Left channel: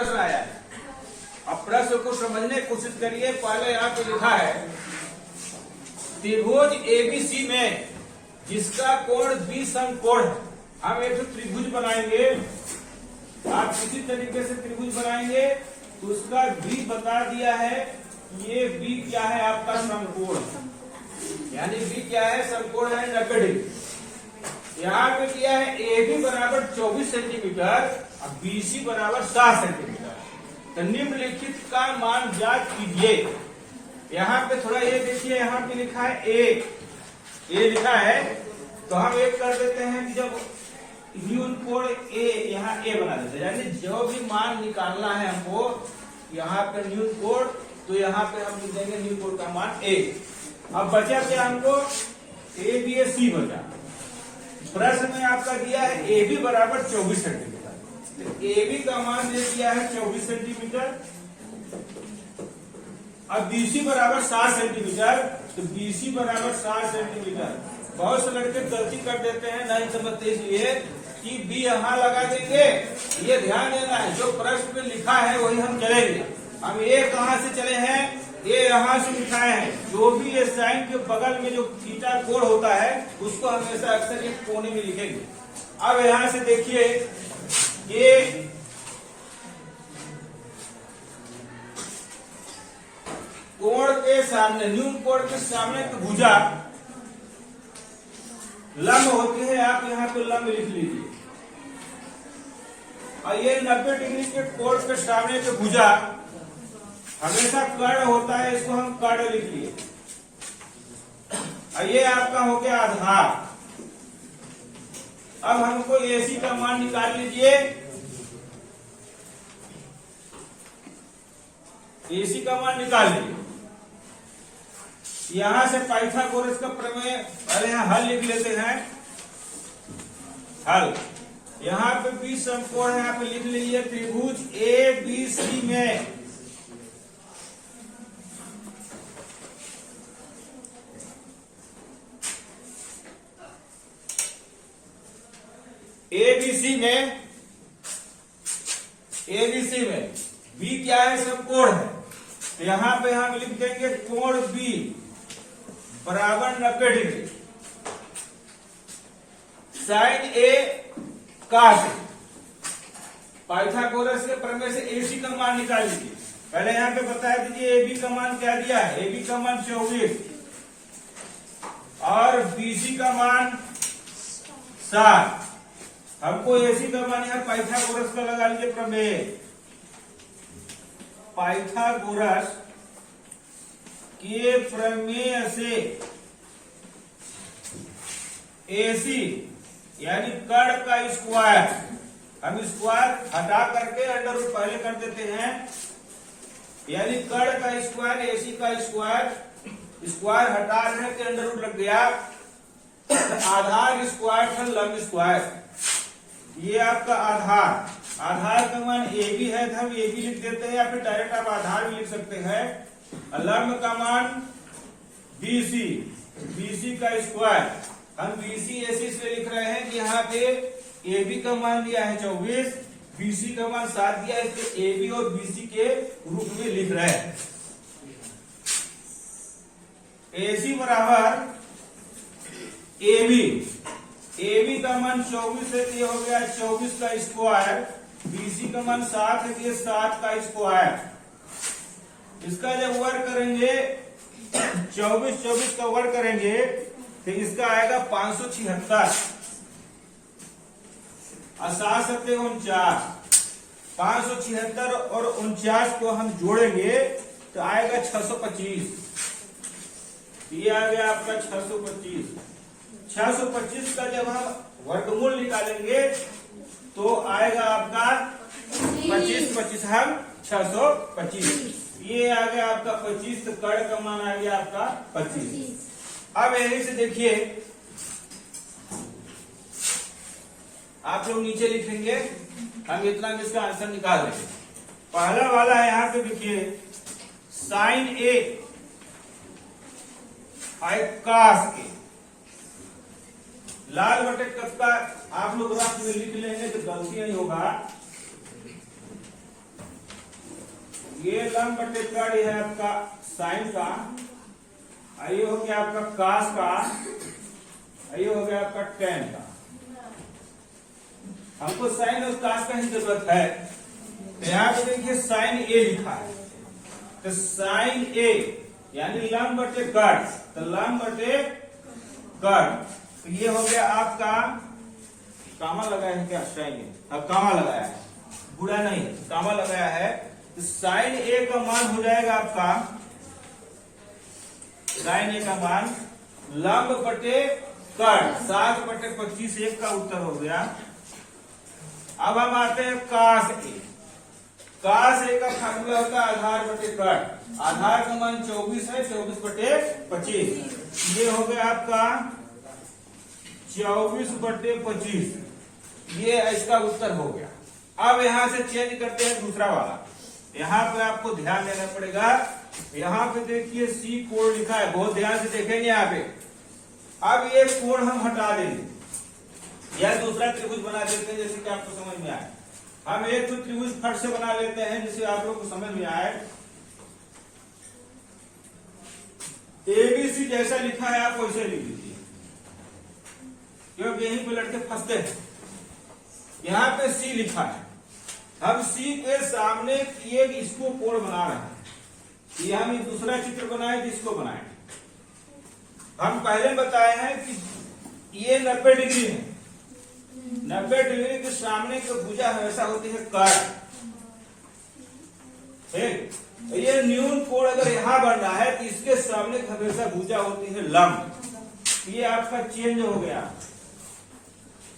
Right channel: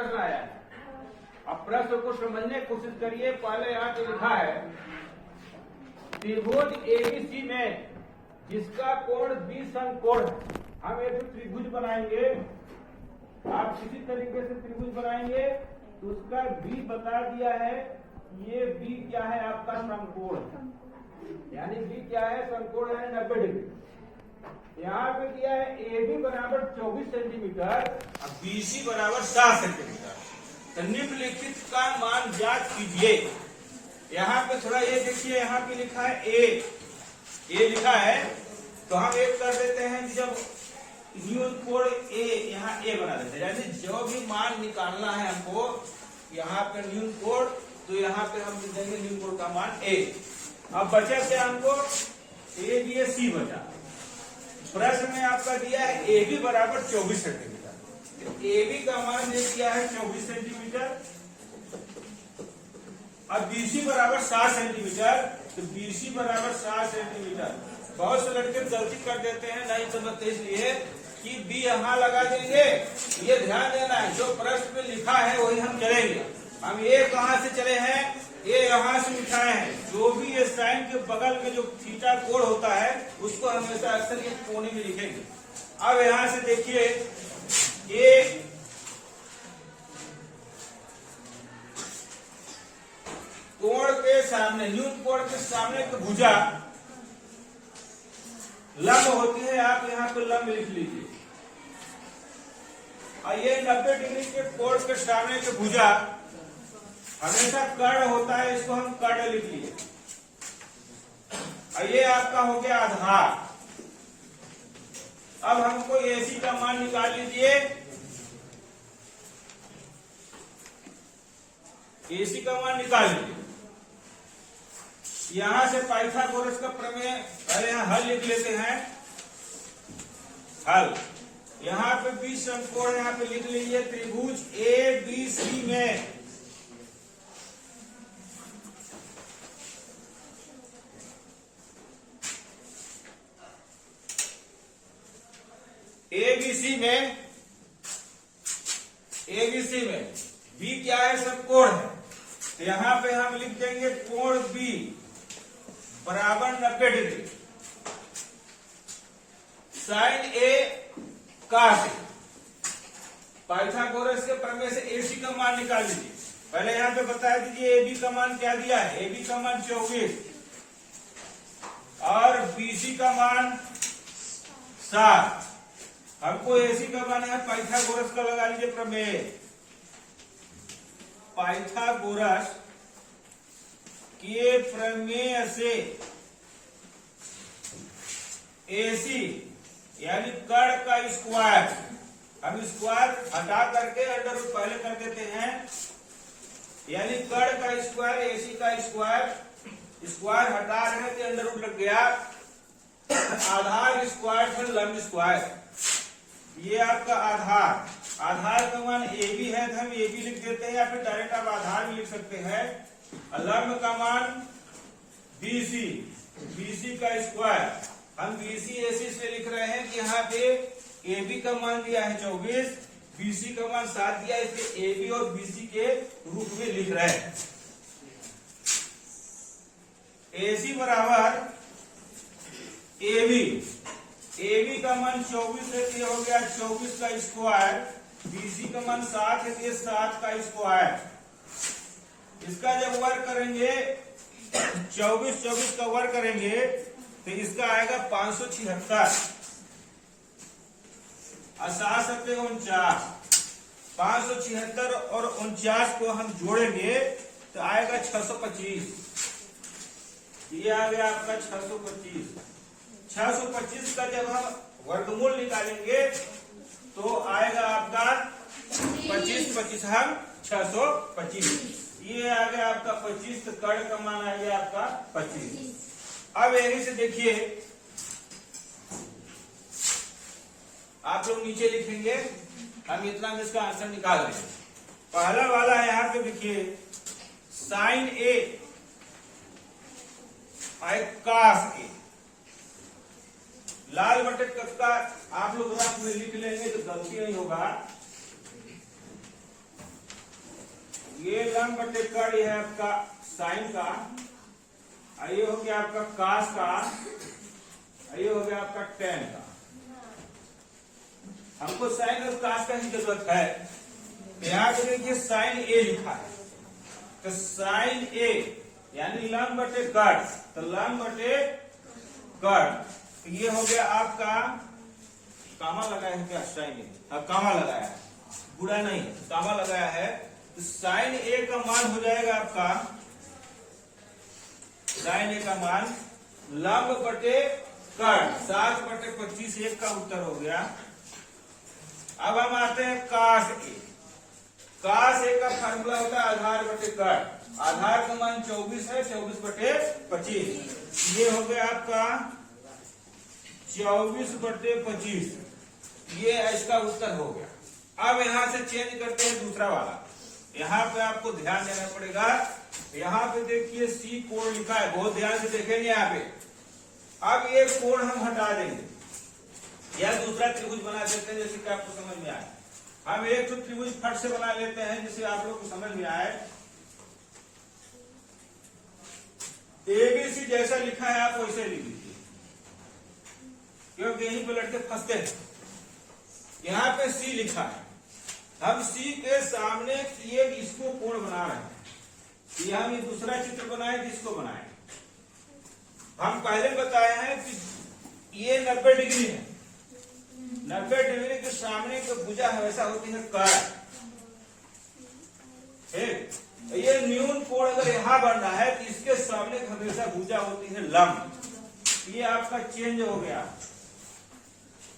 प्रश्न आया है। अब प्रश्न को समझने की कोशिश करिए। पहले यहाँ पे लिखा है त्रिभुज एबीसी में जिसका कोण 20 समकोण है। हम एक त्रिभुज बनाएंगे। आप किसी तरीके से त्रिभुज बनाएंगे तो उसका बी बता दिया है। ये बी क्या है आपका समकोण, यानी बी क्या है समकोण है 90 डिग्री। यहाँ पे किया है ए बी बराबर 24 सेंटीमीटर और बी सी बराबर 7 सेंटीमीटर। तो निम्नलिखित का मान ज्ञात कीजिए। यहाँ पे थोड़ा ये देखिए, यहाँ पे लिखा है ए लिखा है तो हम एक कर देते हैं कि जब न्यून कोण ए, यहाँ ए बना देते हैं, यानी जो भी मान निकालना है हमको यहाँ पे न्यून कोण, तो यहाँ पे हम लिख देंगे न्यून कोण का मान ए। अब बचा थे हमको ए बी ए सी बचा। प्रश्न में आपका दिया है ए बी बराबर 24 सेंटीमीटर, तो ए बी का मान दे दिया है 24 सेंटीमीटर। अब बीसी बराबर 7 सेंटीमीटर, तो बीसी बराबर 7 सेंटीमीटर। बहुत से लड़के गलती कर देते हैं, नहीं समझते, इसलिए कि बी यहाँ लगा देंगे। ये ध्यान देना है, जो प्रश्न में लिखा है वही हम चलेंगे। हम ये कहाँ से चले हैं, ये यहाँ से उठाए हैं। जो भी ये साइन के बगल में जो थीटा कोण होता है उसको हमेशा अक्सर ये कोने में लिखेंगे। अब यहाँ से देखिए ये कोण के सामने, न्यून कोण के सामने की भुजा लंब होती है। आप यहाँ पे लंब लिख लीजिए। और ये 90 डिग्री के कोण के सामने की भुजा हमेशा कर्ण होता है, इसको हम कर्ण लिख लिए। और ये आपका हो गया आधार। अब हमको एसी का मान निकाल लीजिए। एसी का मान निकाल लीजिए। यहां से पाइथागोरस का प्रमेय, पहले यहाँ हल लिख लेते हैं। हल यहाँ पे 20 समकोण है, यहाँ पे लिख लीजिए त्रिभुज ए बी सी में एबीसी में बी क्या है समकोण है, तो यहाँ पे हम लिख देंगे कोण बी बराबर 90 डिग्री। साइन ए काट ए। पाइथागोरस के प्रमेय से एसी का मान निकाल लीजिए। पहले यहाँ पे बता दीजिए ए बी का मान क्या दिया है। ए बी का मान 24 और बीसी का मान 7। हमको एसी का मान है पाइथागोरस का लगा लीजिए प्रमेय। पाइथागोरस के प्रमेय से एसी यानी कर्ण का स्क्वायर, हम स्क्वायर हटा करके अंडर रूट पहले कर देते हैं, यानी कर्ण का स्क्वायर एसी का स्क्वायर, स्क्वायर हटा रहे हैं तो अंडर रूट लग गया। आधार स्क्वायर था लंब स्क्वायर, ये आपका आधार। आधार का मान ए बी है तो हम ए बी लिख देते हैं, या फिर डायरेक्ट आप आधार भी लिख सकते हैं। लंब का मान बीसी, बीसी का स्क्वायर। हम बीसी एसी से लिख रहे हैं कि यहाँ पे ए बी का मान दिया है 24, बीसी का मान 7 दिया है, इसलिए ए बी और बीसी के रूप में लिख रहे हैं। एसी बराबर ए बी का मान 24 है, ये हो गया 24 का स्क्वायर। बीसी का मान 7 है, ये 7 का स्क्वायर। इसका जब वर्ग करेंगे 24 का वर्ग करेंगे तो इसका आएगा 576 और 7 सत्ते 49। 576 और 49 को हम जोड़ेंगे तो आएगा 625। ये आ गया आपका 625। 625 का जब हम वर्गमूल निकालेंगे तो आएगा आपका 25 हम 625। ये आ गया आपका 25, तो कर्ण का मान आ गया आपका 25। अब यहीं से देखिए आप लोग नीचे लिखेंगे, हम इतना में इसका आंसर निकाल लेंगे। पहला वाला है, यहाँ पे देखिए साइन ए आई कास ए। लाल बटे कब का आप लोग रफ में लिख लेंगे तो गलती नहीं होगा। ये लंब बटे कड़ है आपका साइन का, ये हो गया आपका कास का, ये हो गया आपका टेन का। हमको साइन और कास का ही जरूरत है। यहाँ पे देखिए साइन ए लिखा है, तो साइन ए यानी लंब बटे कड़, तो लंब बटे कड़, तो ये हो गया आपका, कामा लगाया है क्या साइन ए, कामा लगाया है, बुरा नहीं कामा लगाया है, तो साइन ए का मान हो जाएगा आपका, साइन ए का मान लंब बटे कड़ 7/25, एक का उत्तर हो गया। अब हम आते हैं कास ए। कास ए का फार्मूला होता है आधार बटे कड़, आधार का मान 24 है, 24/25, ये हो गया आपका 24/25, ये इसका उत्तर हो गया। अब यहां से चेंज करते हैं दूसरा वाला, यहाँ पे आपको ध्यान देना पड़ेगा। यहाँ पे देखिए सी कोण लिखा है, बहुत ध्यान से देखेंगे यहाँ पे। अब ये कोण हम हटा देंगे, या दूसरा त्रिभुज बना देते हैं जैसे कि आपको समझ में आए। हम एक तो त्रिभुज फट से बना लेते हैं जिससे आप लोग को समझ में आए। एबीसी जैसा लिखा है आप वैसे लिख लीजिए, क्योंकि यहीं पे लड़के फंसते हैं। यहाँ पे सी लिखा है, हम सी के सामने एक इसको कोण बना रहे हैं, ये हम दूसरा चित्र बनाए जिसको बनाए। हम पहले बताए हैं कि ये 90 डिग्री है, 90 डिग्री के सामने की भुजा हमेशा होती है कड़, ठीक। ये न्यून कोण अगर यहाँ बन रहा है तो इसके सामने हमेशा भुजा होती है लंब। ये आपका चेंज हो गया।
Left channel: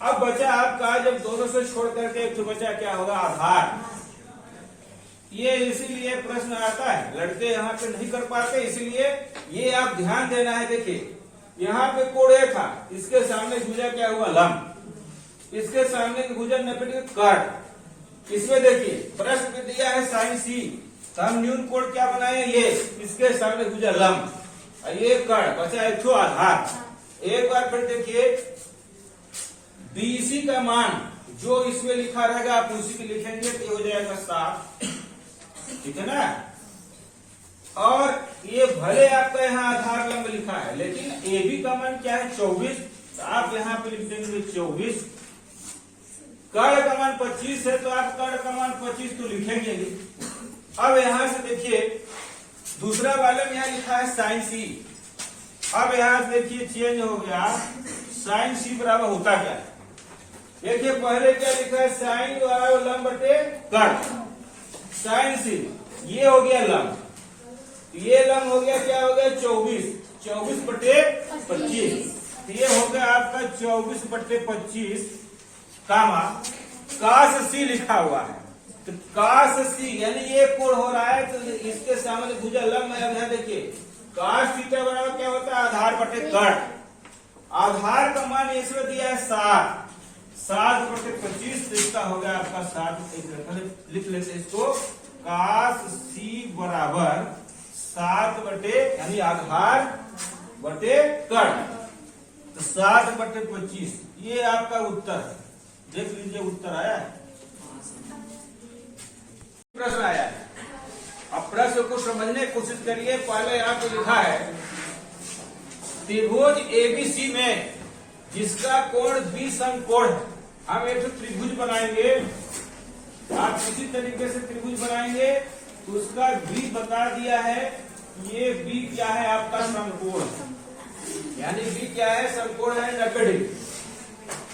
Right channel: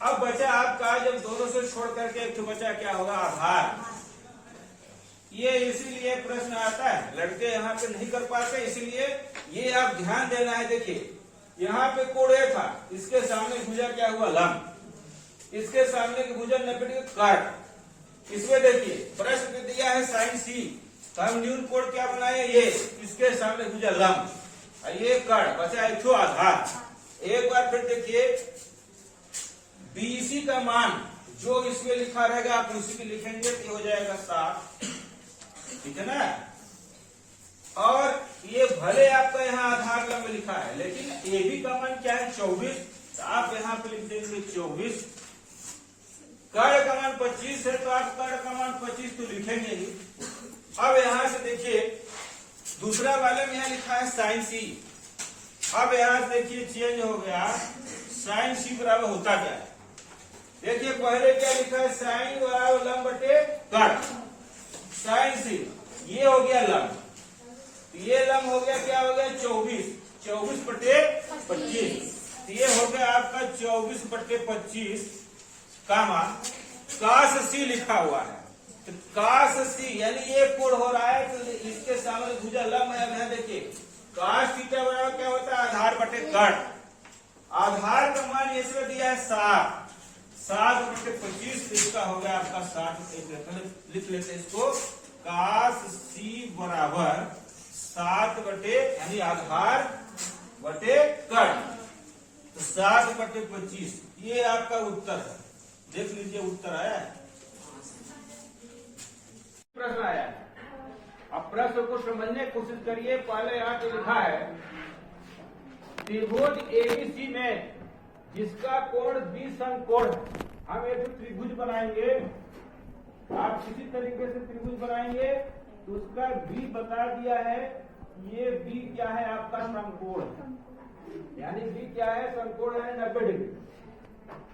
अब बचा आपका, जब दोनों से छोड़ करके एक तो बचा क्या होगा, आधार। ये इसीलिए प्रश्न आता है, लड़के यहाँ पे नहीं कर पाते, इसलिए ये आप ध्यान देना है। देखिए यहाँ पे कोण ए था, इसके सामने भुजा क्या हुआ, लंब, इसके सामने की भुजा 90 डिग्री कड़। इसमें देखिए प्रश्न में दिया है साइन सी, तो हम न्यून कोण क्या बनाए, ये इसके सामने भुजा लंब, ये कड़, बचा एक तो आधार। एक बार फिर देखिए बीसी का मान जो इसमें लिखा रहेगा आप उसी को लिखेंगे, तो हो जाएगा 7, ठीक है ना। और ये भले आपका यहाँ आधार लंब लिखा है, लेकिन ए बी का मान क्या है, 24, तो आप यहाँ पे लिख देंगे 24। कड़ का मान 25 है, तो आप कड़ का मान 25 तो लिखेंगे ही। अब यहाँ से देखिए दूसरा वाले में यहाँ लिखा है साइन सी। अब यहाँ से देखिए चेंज हो गया, साइन सी बराबर होता क्या है। देखिए पहले क्या लिखा है, साइन बराबर लंब बटे कड़, साइन सी, ये हो गया लंब, ये लंब हो गया क्या हो गया, 24/25, ये हो गया आपका 24/25, कामा कास सी लिखा हुआ है, तो कास सी यानी ये कोण हो रहा है, तो इसके सामने भुजा लंब है। यहाँ देखिए कास थीटा बराबर क्या होता है, आधार बटे कड़। आधार का मान इसमें दिया है 7/25, तो इसका हो गया आपका 7, लिख लेते इसको, कास सी बराबर 7 यानी आधार बटे कड़, तो 7/25, ये आपका उत्तर है। देख लीजिए उत्तर आया है, प्रश्न आया है। अब प्रश्न को समझने की कोशिश करिए। पहले यहाँ पे लिखा है त्रिभुज एबीसी में जिसका कोण 20 अंक कोण है, हम एक त्रिभुज बनाएंगे। आप किसी तरीके से त्रिभुज बनाएंगे तो उसका बी बता दिया है, ये बी क्या है आपका, समकोण, यानी बी क्या है, समकोण है 90 डिग्री।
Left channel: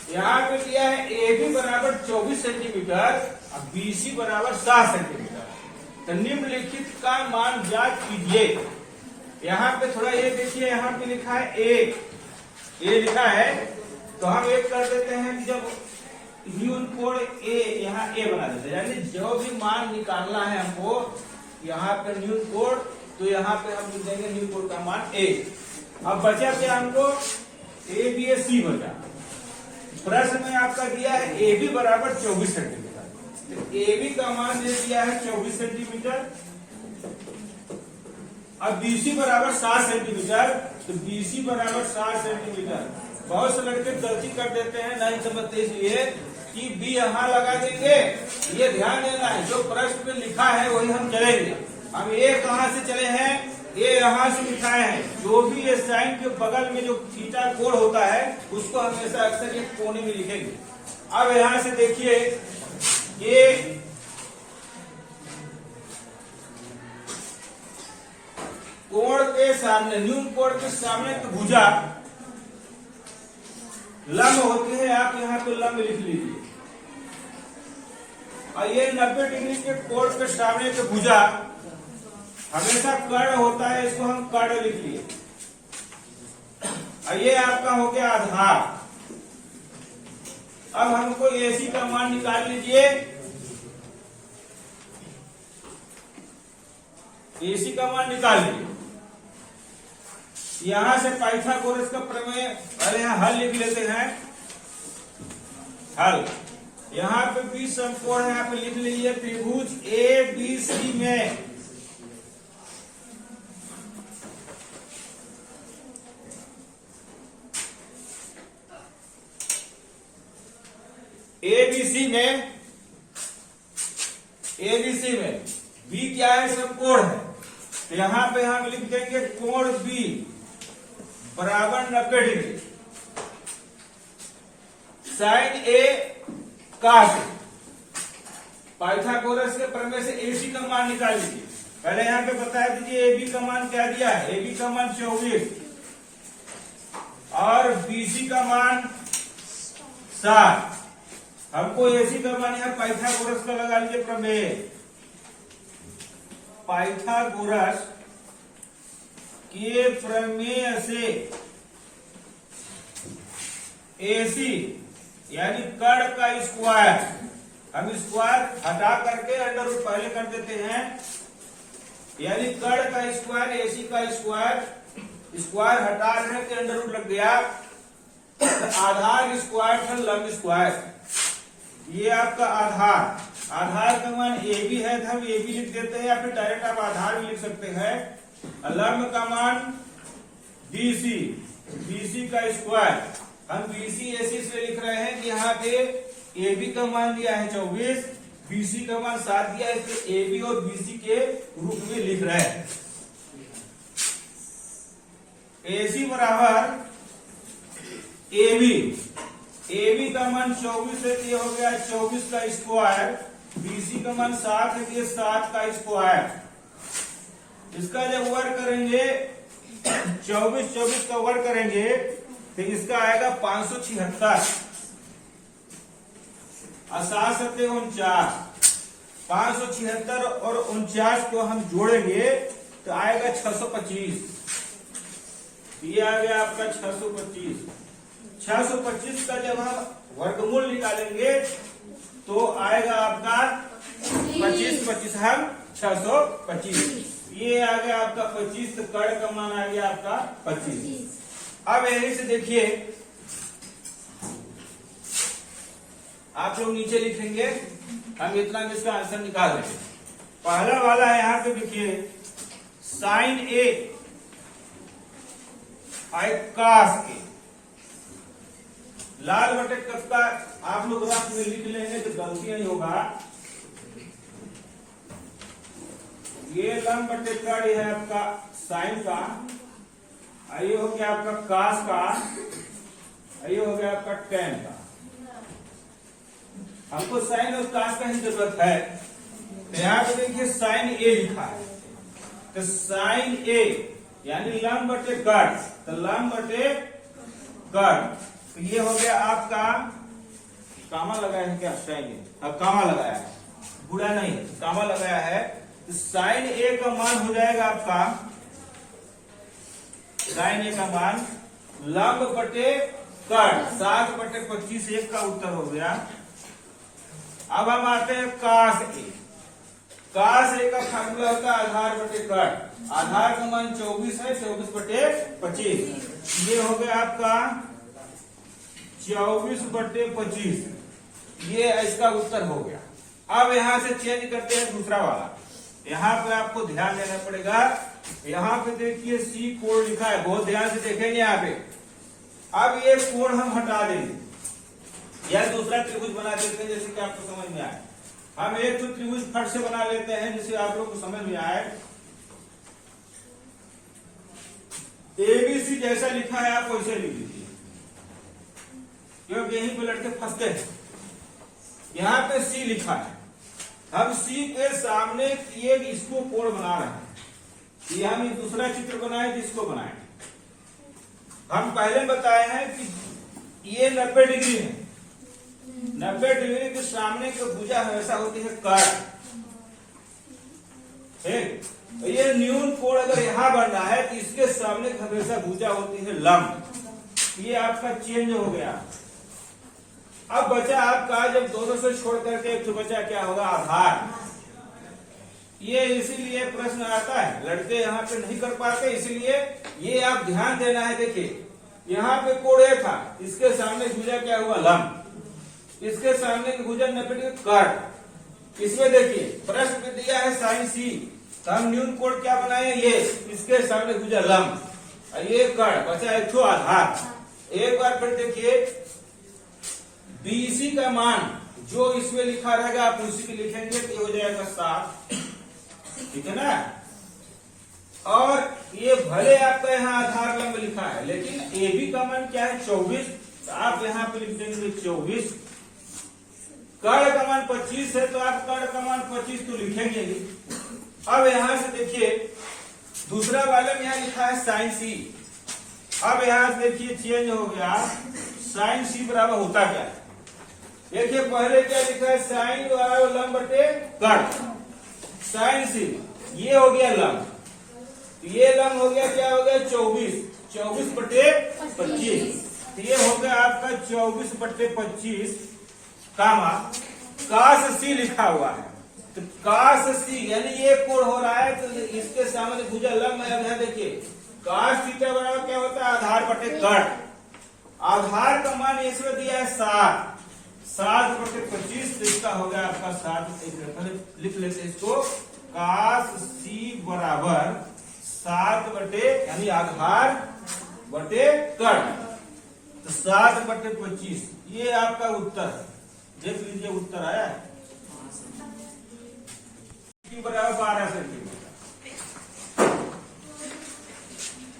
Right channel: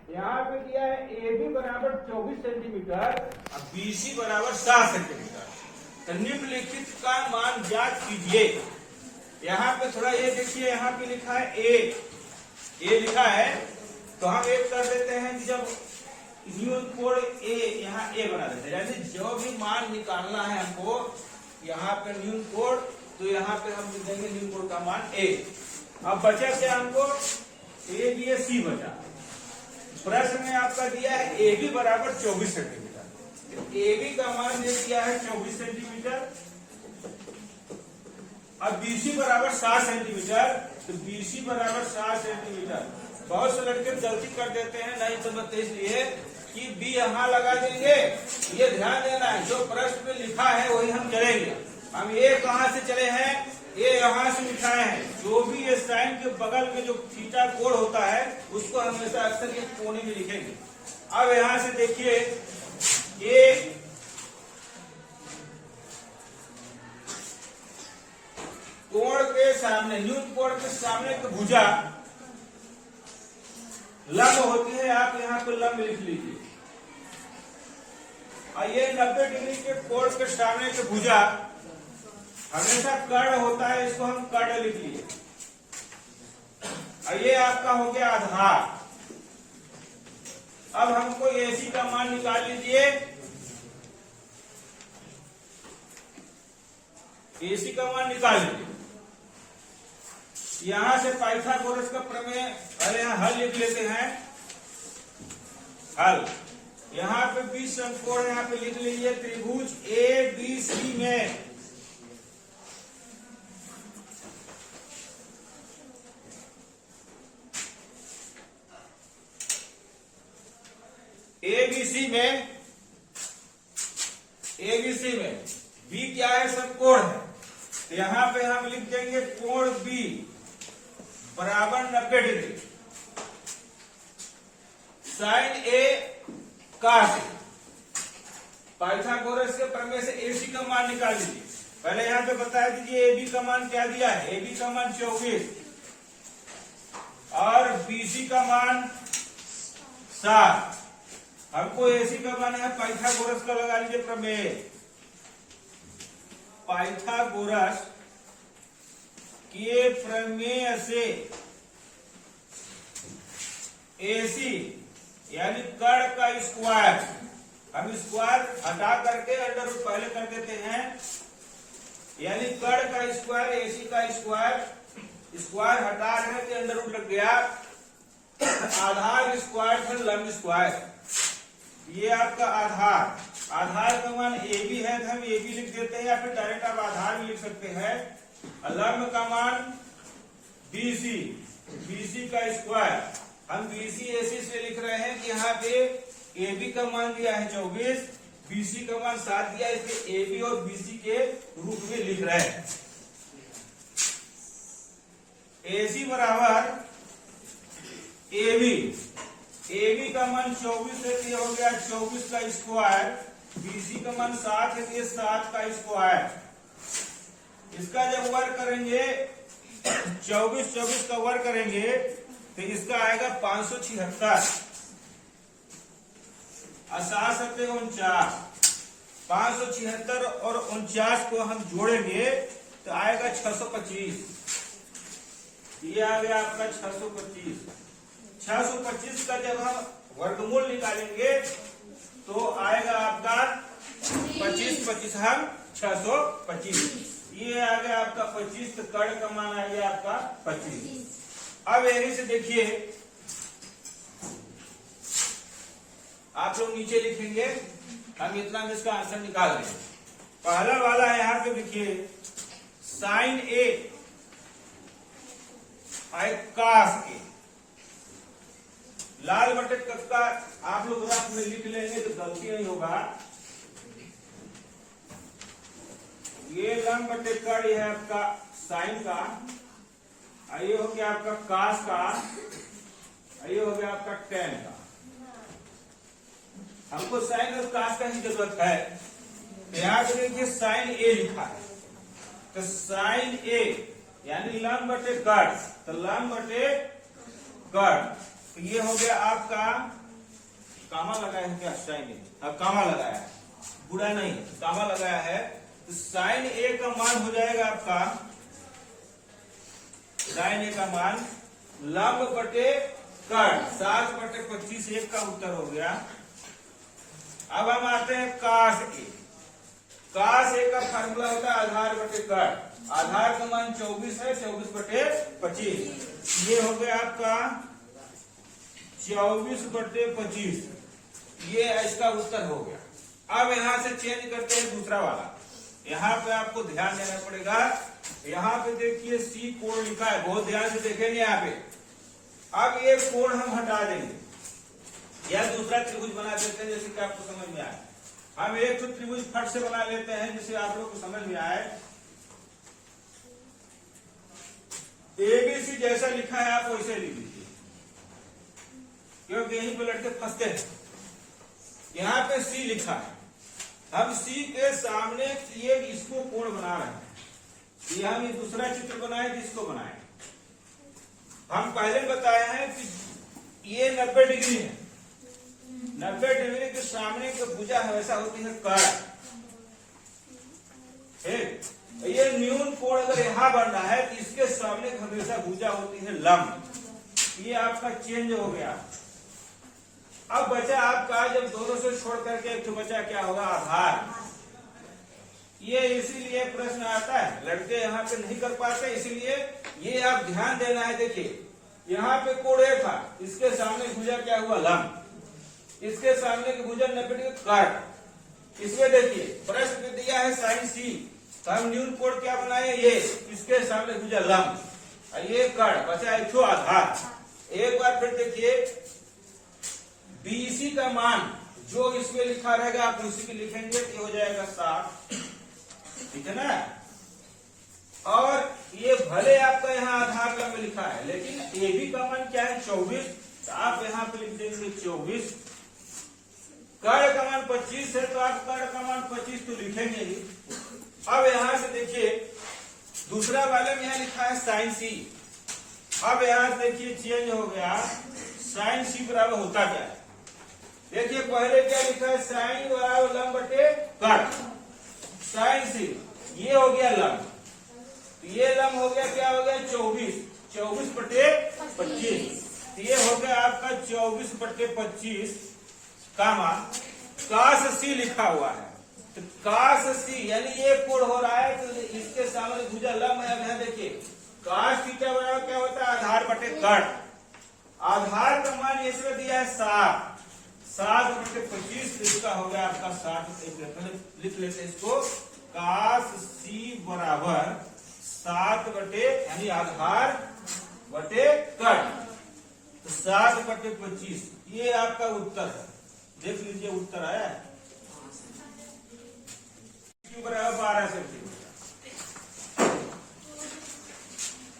यहाँ पे दिया है ए बी बराबर 24 सेंटीमीटर और बी सी बराबर 7 सेंटीमीटर। तो निम्नलिखित का मान ज्ञात कीजिए। यहाँ पे थोड़ा ये देखिए, यहाँ पे लिखा है ए लिखा है, तो हम एक कर देते हैं कि जब न्यून कोण ए, यहाँ ए बना देते हैं, यानी जो भी मान निकालना है हमको यहाँ पे न्यून कोण, तो यहाँ पे हम लिख देंगे न्यून कोण का मान ए। अब बचा क्या हमको, ए बी ए सी बचा। प्रश्न में आपका दिया है ए बी बराबर 24 सेंटीमीटर, तो ए बी का मान दे दिया है 24 सेंटीमीटर। अब बीसी बराबर 7 सेंटीमीटर, तो बीसी बराबर 7 सेंटीमीटर। बहुत से लड़के गलती कर देते हैं, नहीं समझते, इसलिए कि बी यहाँ लगा देंगे। ये ध्यान देना है, जो प्रश्न में लिखा है वही हम चलेंगे। हम ये कहाँ से चले हैं, ये यहाँ से लिखाए हैं। जो भी ये साइन के बगल में जो थीटा कोण होता है उसको हमेशा अक्सर ये कोने में लिखेंगे। अब यहाँ से देखिए ये कोण के सामने, न्यून कोण के सामने की भुजा लंब होती है। आप यहाँ पे लंब लिख लीजिए। और ये 90 डिग्री के कोण के सामने की भुजा हमेशा कर्ण होता है, इसको हम कर्ण लिख लिए। और ये आपका हो गया आधार। अब हमको एसी का मान निकाल लीजिए। एसी का मान निकाल लीजिए। यहां से पाइथागोरस का प्रमेय, पहले यहां हल लिख लेते हैं। हल, यहां पे 20 समकोण है, यहाँ पे लिख लीजिए त्रिभुज ए बी सी में एबीसी में बी क्या है, समकोण है। तो यहां पे हम लिख देंगे कोण बी बराबर 90 डिग्री, साइन ए काट। पाइथागोरस के प्रमेय से एसी का मान निकाल लीजिए। पहले यहां पे बता दीजिए एबी का मान क्या दिया है। एबी का मान 24 और बीसी का मान 7। हमको एसी का मान है, पाइथागोरस का लगा लीजिए प्रमेय। पाइथागोरस के प्रमेय से एसी यानी कर्ण का स्क्वायर, हम स्क्वायर हटा करके अंडर रूट पहले कर देते हैं। यानी कर्ण का स्क्वायर, एसी का स्क्वायर, स्क्वायर हटा रहे हैं तो अंडर रूट लग गया। आधार स्क्वायर पर लंब स्क्वायर, ये आपका आधार। आधार का मान ए बी है तो हम ए बी लिख देते हैं, या फिर डायरेक्ट आप आधार भी लिख सकते हैं। लंब का मान बीसी, बीसी का स्क्वायर। हम बीसी एसी से लिख रहे हैं कि यहाँ पे ए बी का मान दिया है 24, बीसी का मान 7 दिया है, इसलिए ए बी और बीसी के रूप में लिख रहे हैं। एसी बराबर ए बी का मान 24 है, ये हो गया 24 का स्क्वायर। बीसी का मान 7 है, ये 7 का स्क्वायर। इसका जब वर्ग करेंगे 24 का वर्ग करेंगे तो इसका आएगा 576 और 7 49। 576 और 49 को हम जोड़ेंगे तो आएगा 625। ये आ गया आपका 625। 625 का जब हम वर्गमूल निकालेंगे तो आएगा आपका 25 हम 625। ये आ गया आपका 25, तो कर्ण का मान आ गया आपका 25। अब यहीं से देखिए आप लोग नीचे लिखेंगे, हम इतना में इसका आंसर निकाल लेंगे। पहला वाला है, यहां पे देखिए साइन ए कास ए, लाल बटे कक्का आप लोग रफ में लिख लेंगे तो गलती नहीं होगा। ये लंब बटे कर्ण है आपका साइन का, ये हो गया आपका कास का, ये हो गया आपका टेन का। हमको साइन और कास का ही जरूरत है। तो यहाँ पे देखिए साइन ए लिखा है, तो साइन ए यानी लंब बटे कर्ण, तो लंब बटे कर्ण। तो ये हो गया आपका, कामा लगाया है क्या, साइन ए, अब कामा लगाया है, बुरा नहीं, कामा लगाया है। तो साइन ए का मान हो जाएगा आपका, साइन ए का मान लंब बटे कर्ण 7 बटे 25, 1 का उत्तर हो गया। अब हम आते हैं कास ए। कास ए का फार्मूला होता है आधार बटे कर्ण। आधार का मान 24 है, 24 बटे 25। ये हो गया आपका 24 बटे 25, ये इसका उत्तर हो गया। अब यहां से चेंज करते हैं दूसरा वाला। यहाँ पे आपको ध्यान देना पड़ेगा। यहाँ पे देखिए सी कोण लिखा है, बहुत ध्यान से देखेंगे यहाँ पे। अब ये कोण हम हटा देंगे, या दूसरा त्रिभुज बना देते हैं जैसे कि आपको समझ में आए। हम एक तो त्रिभुज फट से बना लेते हैं जिसे आप लोग को समझ में आए। एबीसी जैसा लिखा है आप वैसे लिख लीजिए, क्योंकि यहीं पे लड़के फंसते हैं। यहाँ पे सी लिखा है, हम सी के सामने एक इसको कोण बना रहे हैं। ये हम ये दूसरा चित्र बनाए जिसको बनाए, हम पहले बताए हैं कि ये 90 डिग्री है। 90 डिग्री के सामने की भुजा हमेशा होती है कर्ण। ठीक, ये न्यून कोण अगर यहां बन रहा है तो इसके सामने हमेशा भुजा होती है लंब। ये आपका चेंज हो गया। अब बचा आपका, जब दोनों से छोड़ करके एक तो बचा क्या होगा, आधार। ये इसीलिए प्रश्न आता है, लड़के यहाँ पे नहीं कर पाते, इसलिए ये आप ध्यान देना है। देखिए यहाँ पे कोण ए था, इसके सामने भुजा क्या हुआ, लंब। इसके सामने की भुजा 90 डिग्री कर्ण। इसमें देखिए प्रश्न में दिया है साइन सी, तो हम न्यून कोण क्या बनाए, ये इसके सामने भुजा लंब, ये कर्ण, बचा एक तो आधार। एक बार फिर देखिए बीसी का मान जो इसमें लिखा रहेगा आप उसी को लिखेंगे तो ये हो जाएगा 7, ठीक है ना। और ये भले आपका यहाँ आधार लंब लिखा है, लेकिन ए बी का मान क्या है, 24, तो आप यहाँ पे लिख देंगे 24। कर्ण का मान 25 है, तो आप कर्ण का मान 25 तो लिखेंगे ही। अब यहां से देखिए दूसरा वाले में यहाँ लिखा है साइन सी। अब यहां से देखिए चेंज हो गया, साइन सी बराबर होता क्या है। देखिए पहले क्या लिखा है, साइन बराबर लंब बटे कर्ण। साइन सी ये हो गया लंब, ये लंब हो गया, क्या हो गया, 24 बटे 25। ये हो गया आपका 24 बटे 25 कामा काश सी लिखा हुआ है। तो काश सी यानी ये कोण हो रहा है, तो इसके सामने भुजा लंब है। अब यहाँ देखिए काश थीटा बराबर क्या होता है, आधार बटे कर्ण। आधार का मान इसमें दिया है 7 बटे 25, तो इसका होगा आपका 7। लिख लेते हैं इसको, काश सी बराबर 7 बटे यानी आधार बटे कर्ण, तो 7 बटे 25। ये आपका उत्तर है, देख लीजिए उत्तर आया है। क्यू बराबर 12 सेंटीमीटर।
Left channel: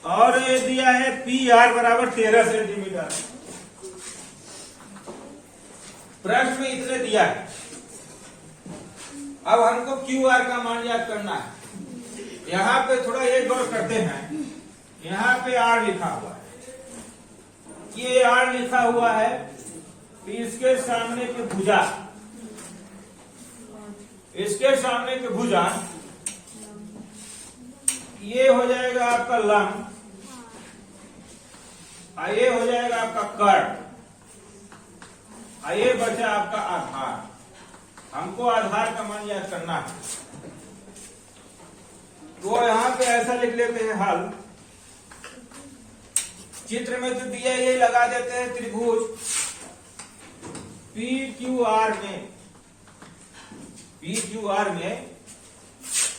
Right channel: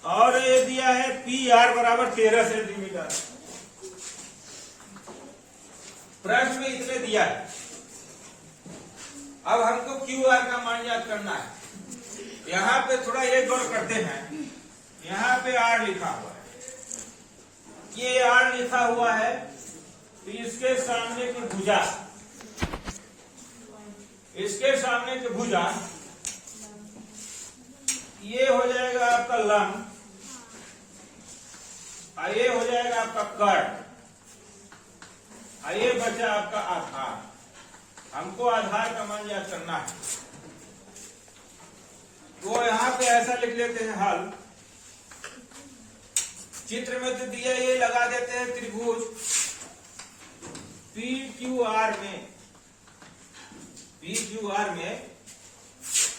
और ये दिया है पी आर बराबर 13 सेंटीमीटर। प्रश्न में इतने दिया है। अब हमको क्यू आर का मान याद करना है। यहाँ पे थोड़ा एक गौर करते हैं, यहाँ पे आर लिखा हुआ है, ये आर लिखा हुआ है, तो इसके सामने की भुजा, इसके सामने की भुजा ये हो जाएगा आपका लंब, ये हो जाएगा आपका कर्ण, ये बचा आपका आधार। हमको आधार का मान याद करना है, तो यहां पे ऐसा लिख लेते हैं हल। चित्र में तो दिया, ये लगा देते हैं त्रिभुज पी क्यू आर में, पी क्यू आर में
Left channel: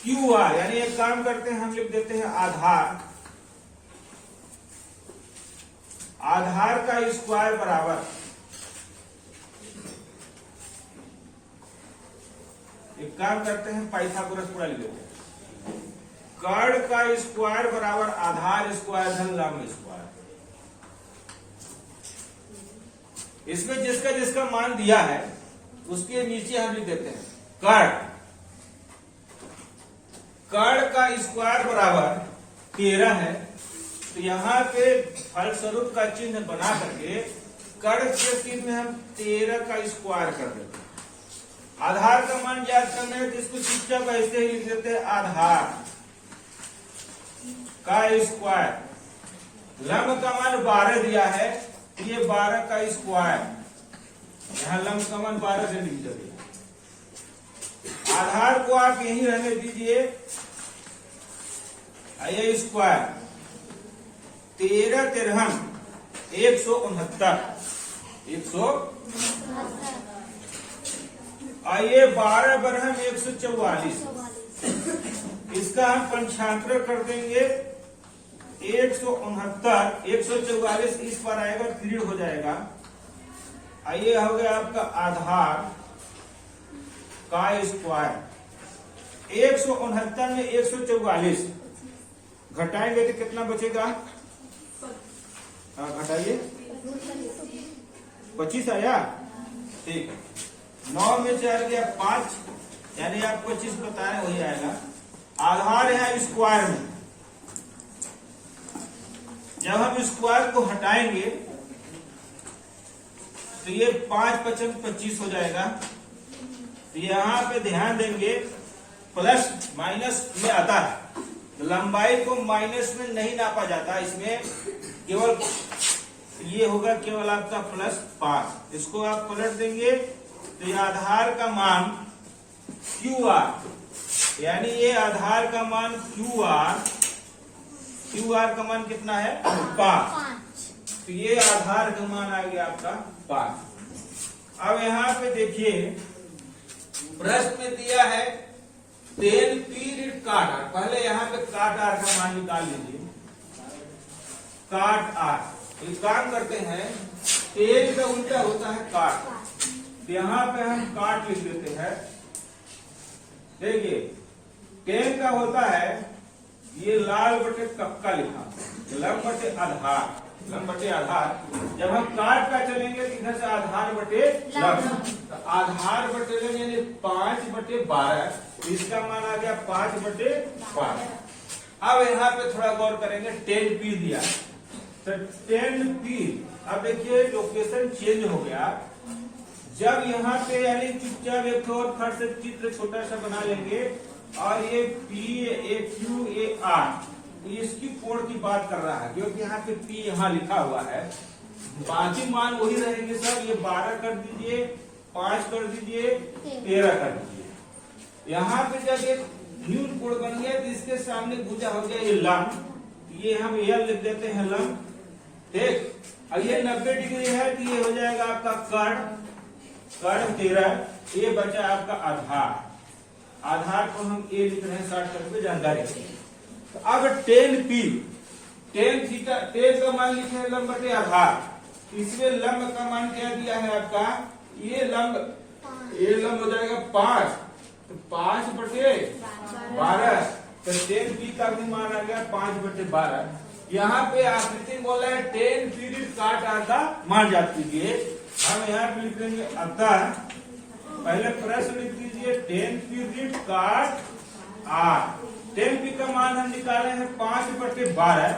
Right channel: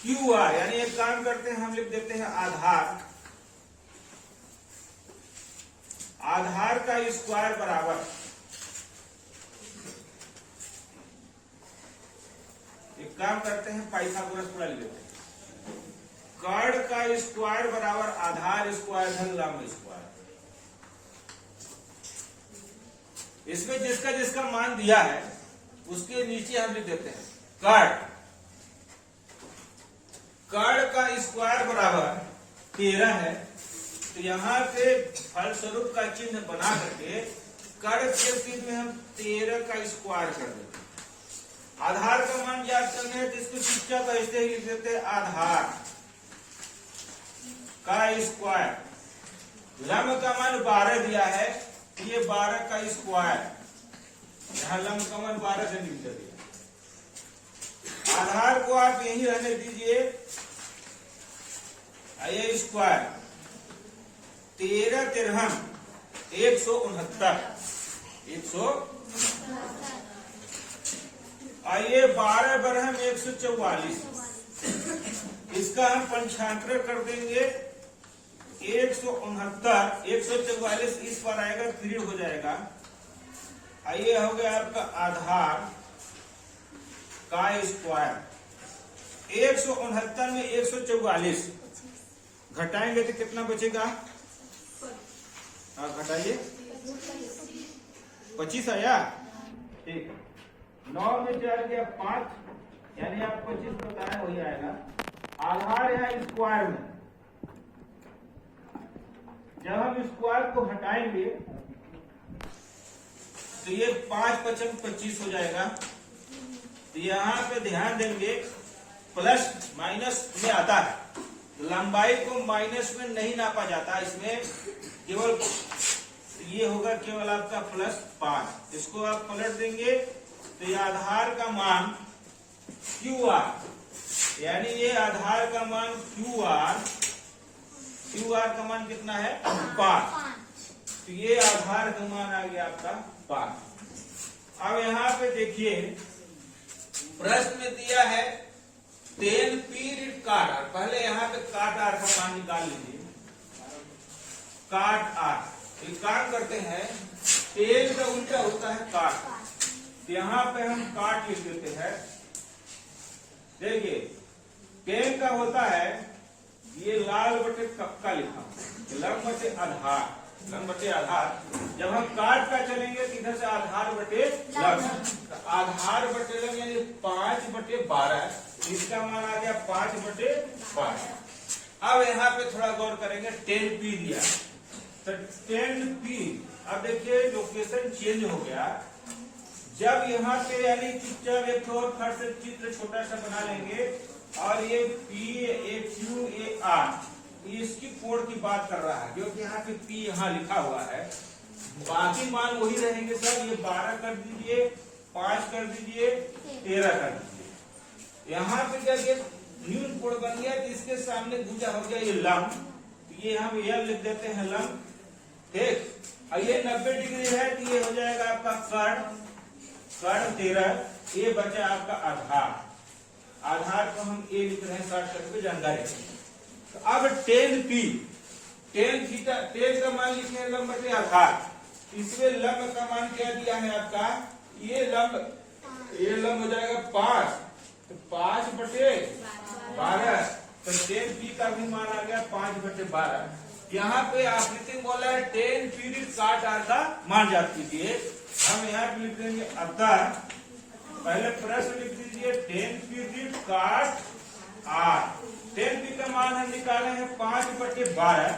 क्यू आर यानी एक काम करते हैं, हम लिख देते हैं आधार। आधार का स्क्वायर बराबर, एक काम करते हैं पाइथागोरस पूरा लिख देते हैं, कर्ण का स्क्वायर बराबर आधार स्क्वायर धन लंब स्क्वायर। इसमें जिसका जिसका मान दिया है उसके नीचे हम लिख देते हैं कर्ण। कर्ण का स्क्वायर बराबर 13 है, तो यहाँ पे फलस्वरूप का चिन्ह बना करके कर्ण के चिन्ह हम 13 का स्क्वायर कर देते हैं। आधार का मान याद करना है तो इसको चुपचाप ऐसे ही लिख देते हैं, आधार का स्क्वायर। लंब का मान 12 दिया है, ये 12 का स्क्वायर, यहाँ लंब का मान 12 सेंटीमीटर दिया। आधार को आप यही रहने दीजिए, ये स्क्वायर 13 तिरहम 169, ये 12 बरहम 144। इसका हम पंचांतर कर देंगे 169, 144 इस पर आएगा, 3 हो जाएगा, ये हो गया आपका आधार का स्क्वायर। 169 में 144 घटाएंगे तो कितना बचेगा? घटाइए, 25 आया। ठीक है, 9 में 4 गया 5, यानी आप 25 बताए वही आएगा। आधार है स्क्वायर में, जब हम स्क्वायर को हटाएंगे तो ये 5 × 5 = 25 हो जाएगा। यहाँ पे ध्यान देंगे प्लस माइनस में आता है, लंबाई को माइनस में नहीं नापा जाता, इसमें केवल ये होगा केवल आपका +5। इसको आप पलट देंगे तो ये आधार का मान QR, यानी ये आधार का मान QR का मान कितना है? 5। तो ये आधार का मान आ गया आपका 5। अब यहाँ पे देखिए प्रश्न में दिया है 10 पीरियड काट आर। पहले यहाँ पे काट आर का मान निकाल लीजिए। काट आर ये काम करते हैं, 10 का उल्टा होता है काट, तो यहाँ पे हम काट लिख देते हैं। देखिए 10 का होता है ये लाल बटे कक्का लिखा, लंब बटे आधार, लंब बटे आधार। जब हम काट का चलेंगे तो इधर से आधार बटे लंब, तो आधार बटे लंब यानी 5/12, इसका मान आ गया 5/12। अब यहाँ पे थोड़ा गौर करेंगे, 10p दिया तो 10p। अब देखिए लोकेशन चेंज हो गया। जब यहाँ पे यानी चुपचाप एक और फट से चित्र छोटा सा बना लेंगे, और ये P, A, Q, A, R इसकी कोण की बात कर रहा है, क्योंकि यहाँ पे P यहाँ लिखा हुआ है। बाकी मान वही रहेंगे सब। ये 12 कर दीजिए, 5 कर दीजिए, 13 कर दीजिए। यहाँ पे जब एक न्यू कोण बन गया तो इसके सामने भुजा हो गया ये लंब, ये हम L लिख देते हैं लंब। ठीक, अब ये 90 डिग्री है तो ये हो जाएगा आपका कर्ण 13। ये बचा आपका आधार। आधार को हम A लिख रहे हैं शॉर्टकट में जानकारी। तो अब 10p, 10 का मान लिखे हैं लंब बटे आधार। इसमें लंब का मान क्या दिया है आपका? ये लंब हो जाएगा 5, तो 5/12। तो 10p का भी मान आ गया 5/12। यहाँ पे आकृति में बोला है 10 पीरियड काट आर का मान याद कीजिए। हम यहाँ पे लिख लेंगे अतः, पहले प्रश्न लिख दीजिए 10 पीरियड काट आर। 10p का मान हम निकाले हैं 5/12,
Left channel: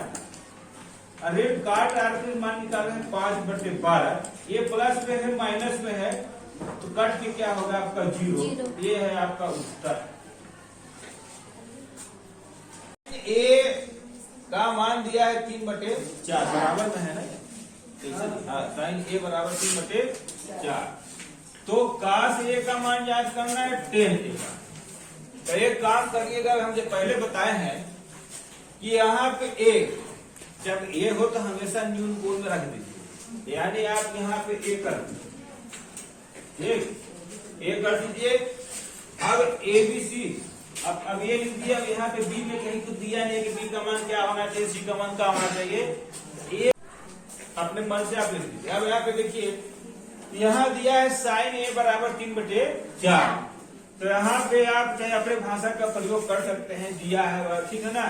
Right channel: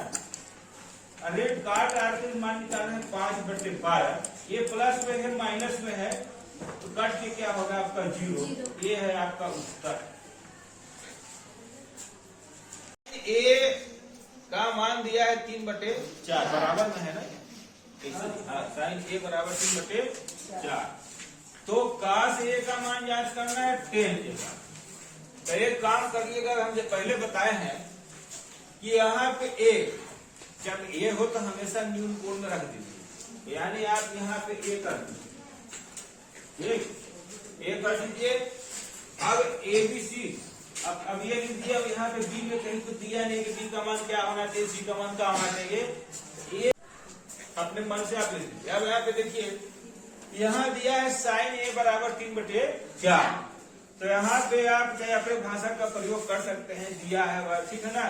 रेट काट आर के मान निकाले हैं 5/12। ये प्लस में है माइनस में है, तो कट के क्या होगा आपका 0। ये है आपका उत्तर। ए का मान दिया है 3/4, बराबर में है ना, साइन A बराबर 3/4। तो cos A का मान याद करना है 10 का। तो एक काम करिएगा, हम जो पहले बताए हैं कि यहाँ पे A, जब A हो तो हमेशा न्यून कोण में रख दीजिए, यानी आप यहाँ पे A कर दीजिए। ठीक, A कर दीजिए। अब ABC, अब ये लिख दिया। अब यहाँ पे B में कहीं तो दिया नहीं कि B का मान क्या होना चाहिए, C का मान क्या होना चाहिए, ये अपने मन से आप लिख दीजिए। अब यहाँ पे देखिए, यहाँ दिया है साइन A बराबर 3/4। तो यहाँ पे आप चाहे अपने भाषा का प्रयोग कर सकते हैं, दिया है वह, ठीक है ना,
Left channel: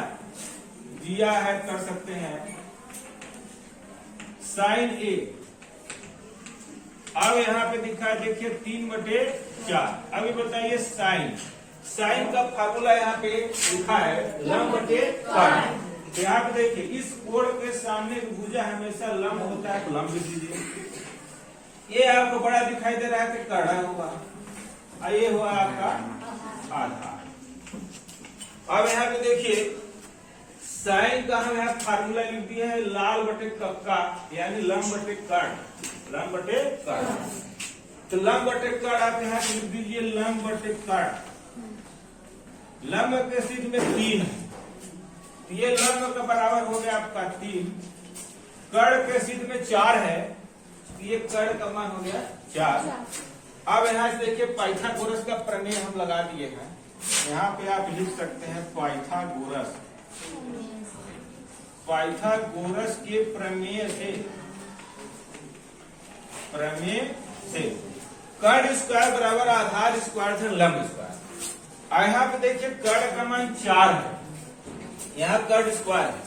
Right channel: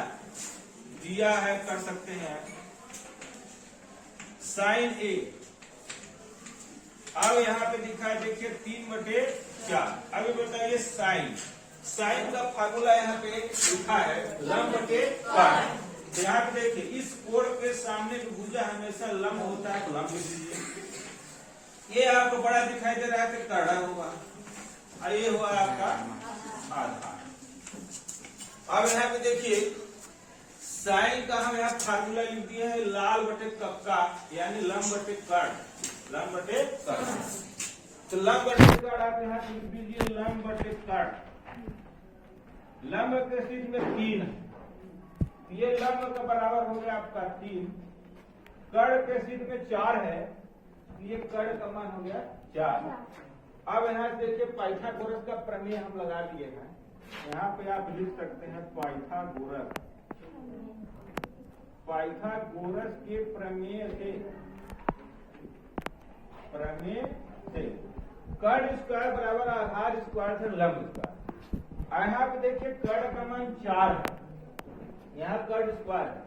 दिया है कर सकते हैं साइन A। अब यहाँ पे दिखा है देखिए 3/4। अभी बताइए साइन का फार्मूला यहाँ पे लिखा है लंब बटे कर्ण। तो यहाँ पे देखिए इस कोण के सामने की भुजा हमेशा लंब होता है, तो लंब लिख दीजिए। ये आपको बड़ा दिखाई दे रहा है तो कड़ा होगा, ये हुआ आपका आधार। अब यहाँ पे देखिए साइन का हम यहाँ फार्मूला लिख दिया है लाल बटे कक्का, यानी लंब बटे कर्ण, लंब बटे कर्ण। तो लंब बटे कर्ण आप यहाँ पे लिख दीजिए लंब बटे कर्ण। लंब के सिद्ध में 3 है, तो ये लंब का बराबर हो गया आपका 3। कर्ण के सिद्ध में 4 है, ये कर्ण का मान हो गया 4। अब यहाँ से देखिए पाइथागोरस का प्रमेय हम लगा दिए हैं। यहाँ पे आप लिख सकते हैं पाइथागोरस के प्रमेय से, प्रमेय से कर्ण स्क्वायर बराबर आधार स्क्वायर से लंब स्क्वायर। यहाँ पे देखिए कर्ण का मान 4 है, यहाँ कर्ण स्क्वायर है,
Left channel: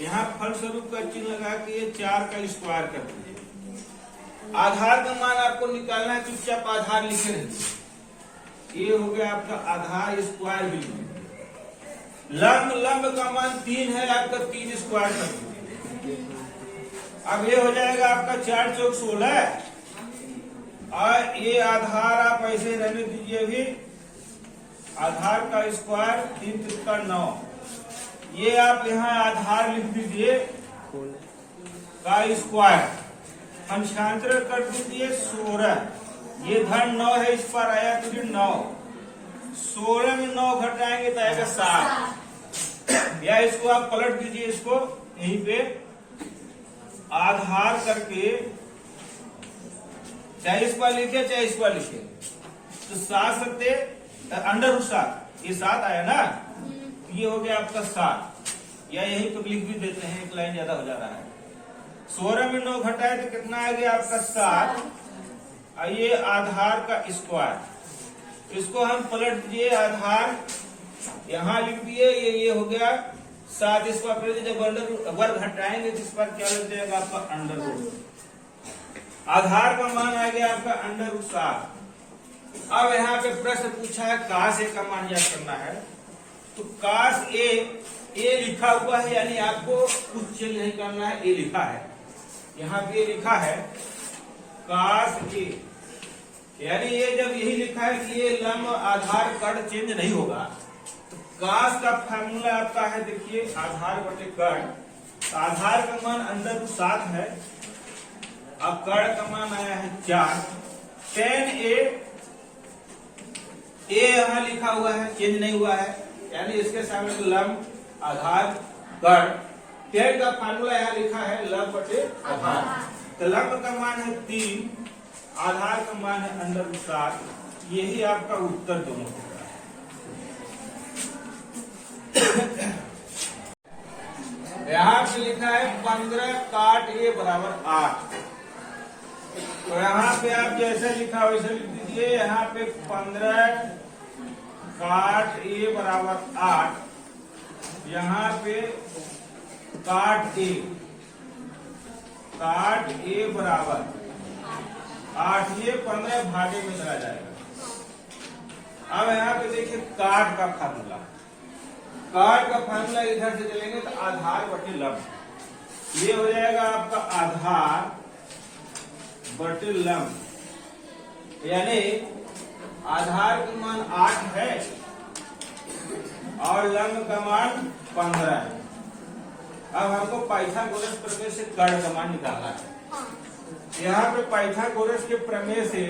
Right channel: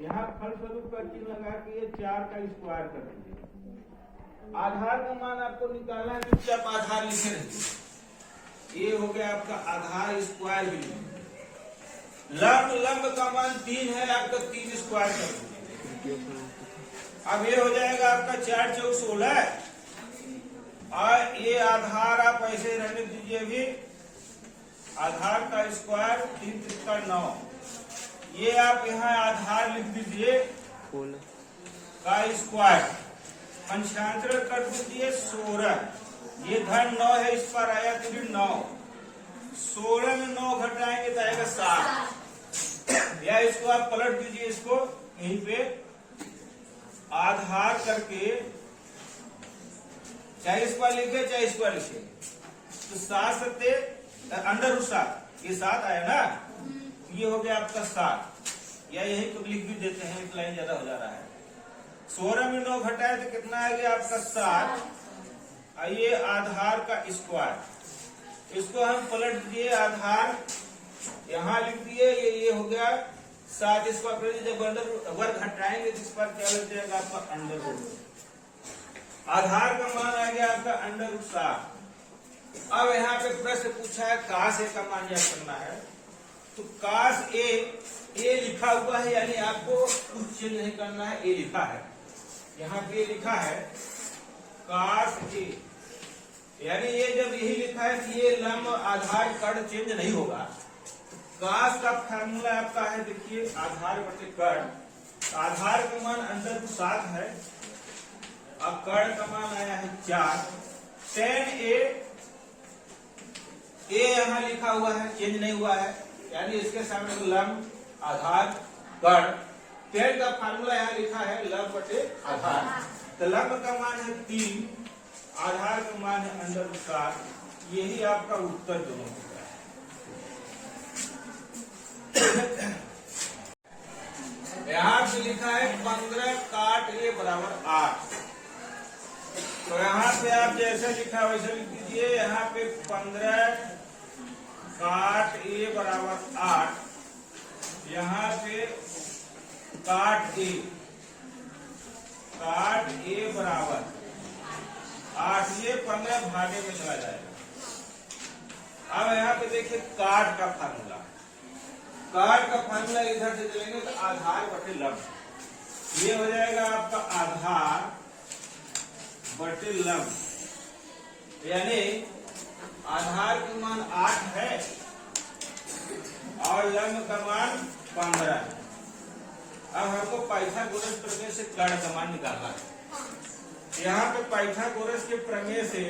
यहाँ फलस्वरूप का चिन्ह लगा के ये 4 का स्क्वायर कर दीजिए। आधार का मान आपको निकालना है, चुपचाप आधार लिखे रहिए। ये हो गया आपका आधार स्क्वायर भी। लंब का मान 3 है, आपका 3 स्क्वायर कर दीजिए। अब ये हो जाएगा आपका 4 चौक 16 और ये आधार आप ऐसे रहने दीजिए। अभी आधार का स्क्वायर 3 त्रिका 9, ये आप यहाँ आधार लिख दीजिए का स्क्वायर, अंशांतर कर दीजिए 16, ये धन 9 है, इस पर आया तो 9, 16 में 9 घटाएंगे तो आएगा 7, या इसको आप पलट दीजिए, इसको यहीं पे आधार करके चाहे इसको लिखे चाहे इसको लिखे तो 7 सत्ते अंडर 7, ये 7 आया ना, ये हो गया आपका 7, या यही तो लिख भी देते हैं, एक लाइन ज्यादा हो जा रहा है। 16 में 9 घटाए तो कितना आ गया आपका 7, ये आधार का स्क्वायर, इसको हम पलट दिए, आधार यहाँ लिख दिए, ये हो गया 7, इसको आप जब वर्ग हटाएंगे तो इस पर क्या लग जाएगा आपका अंडर रूट। आधार का मान आ गया आपका अंडर रूट 7। अब यहाँ पे प्रश्न पूछा है काश ए का मान ज्ञात करना है, तो काश ए लिखा हुआ है, यानी आपको कुछ चेंज नहीं करना है, ए लिखा है, यहाँ पे लिखा है काश ए, यानी ये जब यही लिखा है कि ये लंब आधार कर्ण चेंज नहीं होगा, तो काश का फार्मूला आपका है, देखिए आधार बटे कर्ण, आधार का मान अंदर 7 है, अब कर्ण का मान आया है 4, tan ए यहाँ लिखा हुआ है, चेंज नहीं हुआ है, यानी इसके सामने लंब आधार कर्ण, tan का फार्मूला यहाँ लिखा है लंब बटे आधार, तो लंब का मान है 3, आधार का मान है अंडर 7, यही आपका उत्तर दोनों होगा। यहाँ पे लिखा है 15 काट ए बराबर 8, तो यहाँ पे आप जैसे लिखा वैसे लिख दीजिए, यहाँ पे 15 काट ए बराबर 8, यहाँ पे काट ए बराबर 8, ये 15 भागे में चला जाएगा। अब यहाँ पे देखिए काट का फार्मूला, काट का फार्मूला इधर से चलेंगे तो आधार बटे लंब, ये हो जाएगा आपका आधार बटे लंब, यानी आधार का मान 8 है और लंब का मान 15 है। अब हमको पाइथागोरस प्रमेय से कर्ण का मान निकालना है। यहाँ पे पाइथागोरस के प्रमेय से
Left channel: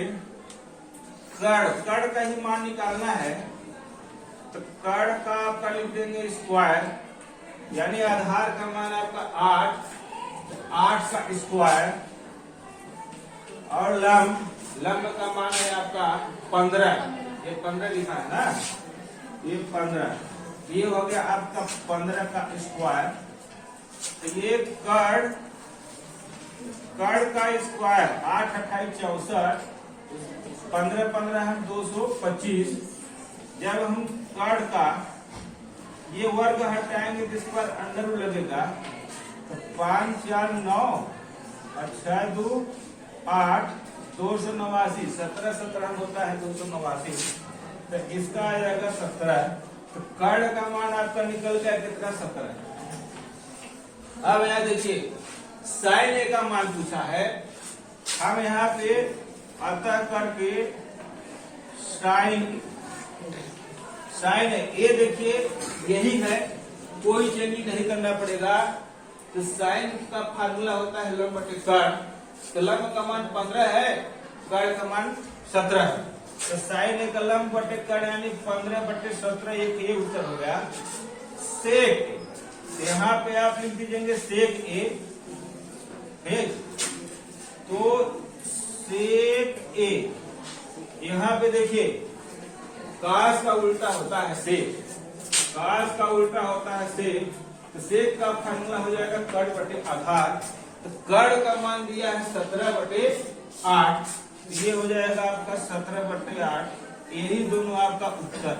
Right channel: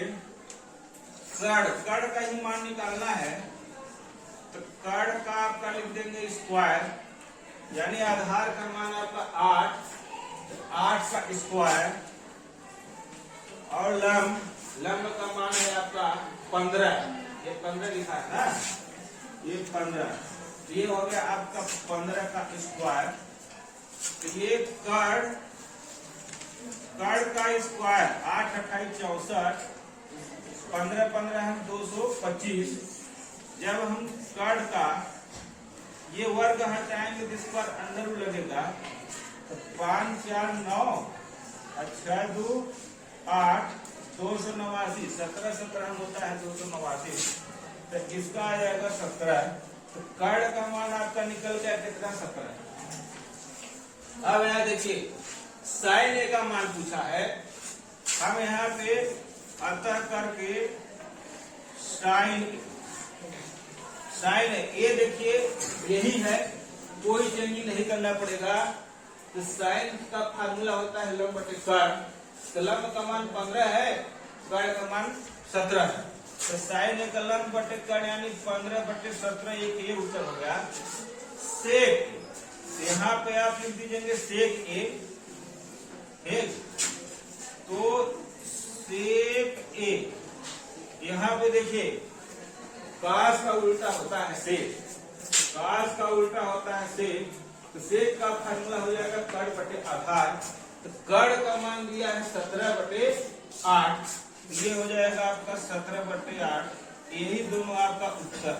कर्ण का ही मान निकालना है, तो कर्ण का आपका लिख देंगे स्क्वायर, यानी आधार का मान आपका 8 का स्क्वायर, और लंब का मान है आपका 15, ये 15 लिखा है ना, ये 15, ये हो गया आपका 15 का स्क्वायर, तो ये कर्ण का स्क्वायर 8 28 64, 15 15 है 225, जब हम कर्ण का ये वर्ग हटाएंगे तो इस पर अंडर लगेगा, तो 5 4 9 और 6 2 8, 289, 17 17 होता है 289, तो इसका आ जाएगा 17, तो कर्ण का मान आपका निकल गया कितना 17। अब यहाँ देखिए साइन ए का मान पूछा है, हम यहाँ पे अतः करके साइन ए देखिए यही है, कोई चेंजिंग नहीं करना पड़ेगा, तो साइन का फार्मूला होता है लंब बटे कर्ण, तो लंब का मान 15 है, कर्ण का मान 17 है, तो साइन ए का लंब बटे कर्ण यानी 15 बटे 17, ये उत्तर हो गया। सेक यहाँ पे आप लिख दीजिएंगे सेक ए, ठीक, तो सेक ए, यहाँ पे देखिए काश का उल्टा होता है सेक, काश का उल्टा होता है सेक, तो सेक का फार्मूला हो जाएगा कर्ण बटे आधार, तो कर्ण का मान दिया है 17 बटे 8, ये हो जाएगा आपका 17/8। यही दोनों आपका उत्तर